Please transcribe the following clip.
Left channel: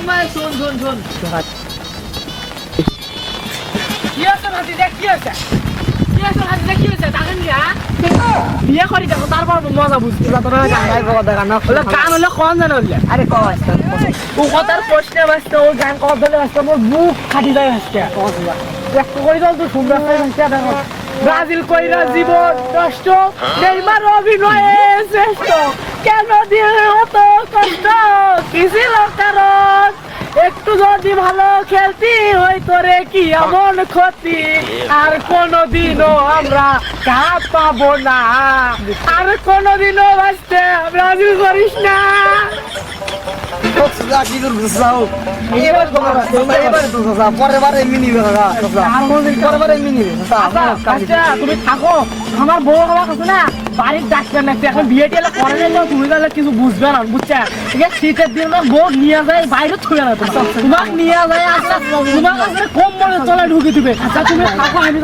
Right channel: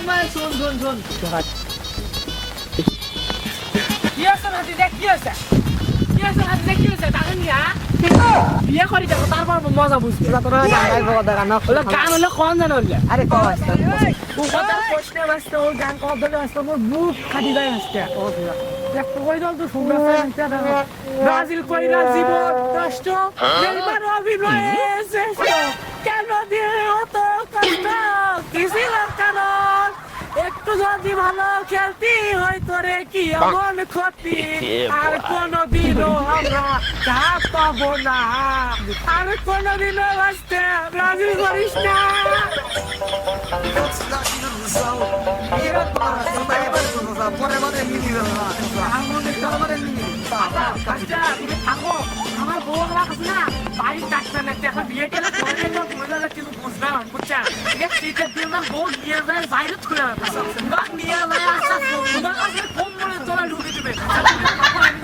তোমার শোন কি আছে নাতি দেখ কি আছে কি আছে টাকা নিয়া বিয়ে করি দেখো তারপর মজা বুঝবে গান হলে কন জানো আরে ও কথার প্রশ্নে বাঁচতে ও গান কথা বাঁচতে মোর বুক ফাটি যায় আজকে একটু কই দাও তো সুন্দর ব্রাজিল কইরা জীবন নষ্ট নেইমার অভিনয়ে শ্রেষ্ঠ কেন দিয়ে এত কষ্ট কি ছিল কারণ একটু যদি ভালো খেলতি হইতো রে কি এমন ক্ষতি আর কোনদিনও আমরা কাজ পাবো না আর কোনদিনও বাঁচতে ব্রাজিল করিস না তুমি থাকো আমার বউ আমার কাছে না বাড়ির ডাক্তার লাগছে এখন বিয়ে টেলে করে নিলেও তুমি তাহলে কিছু বুঝবে না বুঝছে ঠিক আছে শীতের দিন বউ নিয়ে যায় বাইরে ছুড়ে না তোমার নিয়ে যায় আস্তে আস্তে তোমার কম মনে চলে ঢুকে দিবে আচ্ছা তুমি থাকো আমি